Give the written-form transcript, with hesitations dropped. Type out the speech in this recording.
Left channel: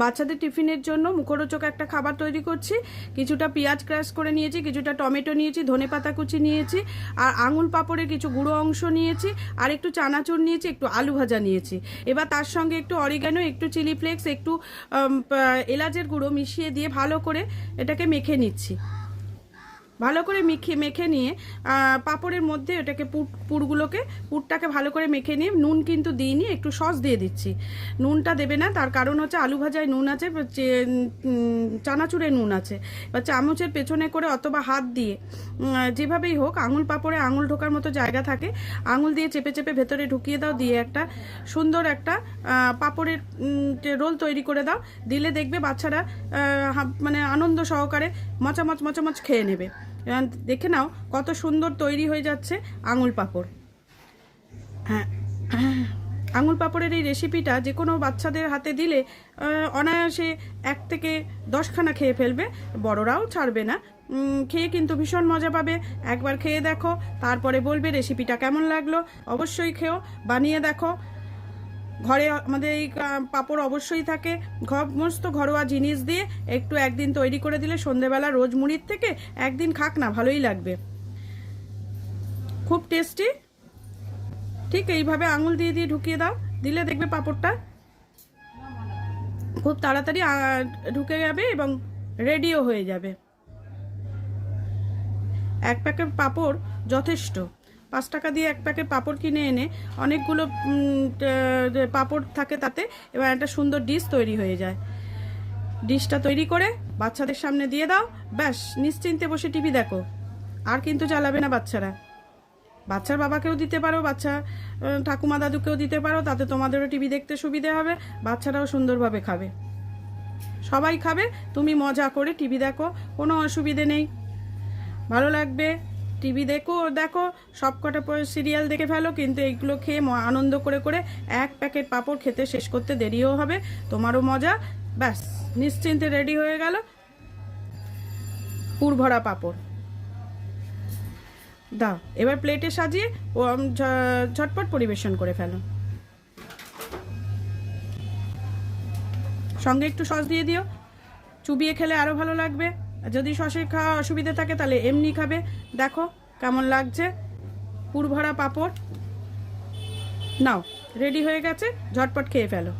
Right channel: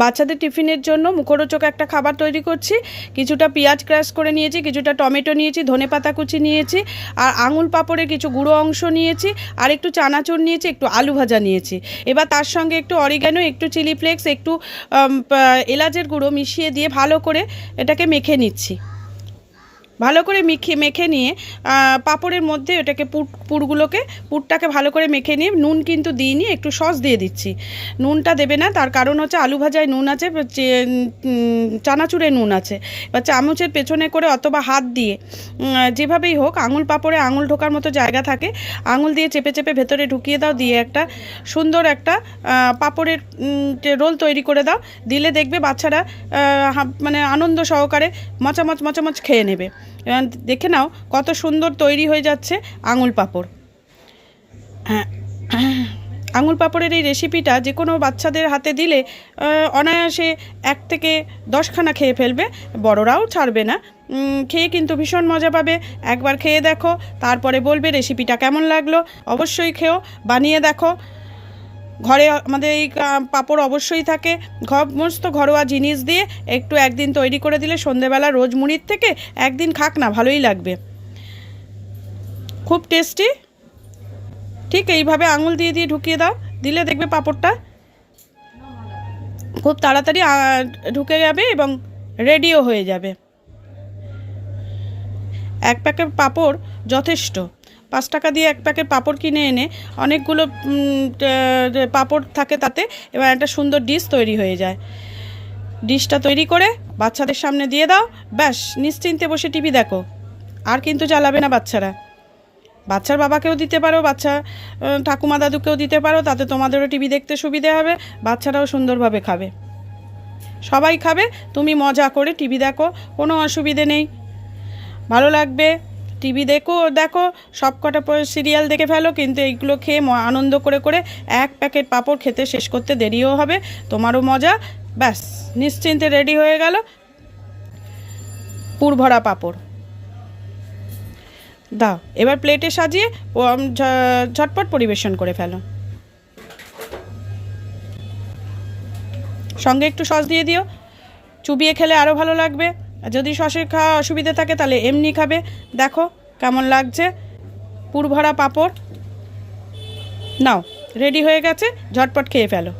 বাচ্চাদের টিফিনের জন্য মুখরোচক একটা খাবার তৈরি করছি। কিছুটা পেঁয়াজ ক্রাশ করে নিয়েছি, কিছুটা টমেটো নিয়েছি, ধনেপাতা কুচি নিয়েছি, আর আঙুল পাঁপড়ের কিছু গুঁড়ো অংশ নিয়েছি, আর একটু চানাচুর নিয়েছি, একটু আলু ভাজা নিয়েছি। এবার তার সঙ্গে একটু অরিগ্যানো, একটু চিলি ফ্লেক্স, একটু এলাচের গুঁড়ো মিশিয়ে দিয়ে ভালো করে এটাকে মেখে নিচ্ছি। ভালো করে মেখে নিয়ে পাঁপড়ের মধ্যে এটাকে পুরটাকে ভালো করে মেখে নিয়ে, নুন কিন্তু দিইনি, একটু সস দিয়ে দিচ্ছি। নুনটা দেবে না, তার কারণ হচ্ছে আলু ভাজায় নুন আছে, চানাচুরে নুন আছে। এবার চামচের পেছনে করে অথবা হাত দিয়ে যেভাবেই হোক, আঙুল পাঁপড়ে আঙুল ঢোকার মতো জায়গা থাকে, আঙুল দিয়ে চেপে চেপে ভেতরে ঢুকিয়ে দাও, দিয়ে একটা সুন্দর একটা পাঁপড়ের রোল তৈরি করে দাও। দিলে দেখবে বাচ্চারা মানে আনন্দ সহকারে মচামচ খেয়ে নেবে। দেখে নাও কত সুন্দর তৈরি হয়ে যাচ্ছে আঙুল পাঁপড়। আঙুল পাঁপড়ের এই রেসিপিটা যে কোনো বাচ্চাদের হাতে দিলে অনায়াসে 1 থেকে 10খানা খেয়ে ফেলবে, বড়রাও ছাড়বে না। খেয়ে কিন্তু ভীষণ মজা পাবে। একবার খেয়ে দেখো, তারপরে বলবে রেসিপিটা কেমন লাগলো। অবশ্যই খেও, বানিয়ে দেখো। ঘরে আমাদের এই পাঁপড় অবশ্যই থাকে, সমস্ত ঘরোয়া জিনিস দিয়ে একটু একদিন তৈরি করে দিলে সন্ধেবেলা রোজ মুড়ির থেকে একদিন খাক না, ভালোই লাগবে, খুব টেস্টি। ঠিক এইভাবে আঙুল দিয়ে দিয়ে ঢুকিয়ে দাও, দিলে দেখবে পাঁপড়টা খুব তাড়াতাড়ি ঢুকে যাবে এবং রেডিও হয়ে যাবে। 1 প্যাকেট পাঁপড় যথেষ্ট। 5 টাকা দিয়ে 1 প্যাকেট পাঁপড় কিনে এনে অনেকগুলো পাঁপড় থাকে তাতে, এবার একটা সুন্দর ডিশ তৈরি হয়ে যায়। ডিশটা তৈরি করে বাচ্চাদের সামনে দিয়ে দাও, ব্যাস নিশ্চিন্তে বসে টিভি দেখো। আর কিন্তু জ্বালাবে না বাচ্চারা। বাচ্চার বাবাকেও দিতে পারো, বাচ্চা ঠাকুমা দাদুকেও দিতে পারো, তাতে তোমাদেরও টিভি দেখতে সুবিধে হবে, বাচ্চারাও সুন্দরভাবে খাবে, সবাই খাবে। তুমি মজা করে টিভি দেখো, কোনো অসুবিধে নেই, ভালো লাগবে। টিভি দেখো সব কটা সিরিয়াল দেখে ফেলো, কিন্তু এইগুলো খেয়ে আনন্দ করে করে 1 প্যাকেট পাঁপড় খেতে শেষ করতে দেরিও হবে, তোমারও মজা। ব্যাস নিশ্চিন্তে রেডি হয়ে গেল পুরভরা পাঁপড়। দাও এবার প্লেটে সাজিয়ে ঝটপট পরিবেশন করে ফেলো। সঙ্গে একটু সস দিয়ে দিও, চুবিয়ে খেলে আরও ভালো লাগবে। যদি সসের খাওয়া অসুবিধা থাকে তাহলে এমনি খাবে। দেখো কেমন লাগছে পুরভরা পাঁপড়। নাও রেডি হয়ে গেছে, ঝটপট খেয়ে ফেলো।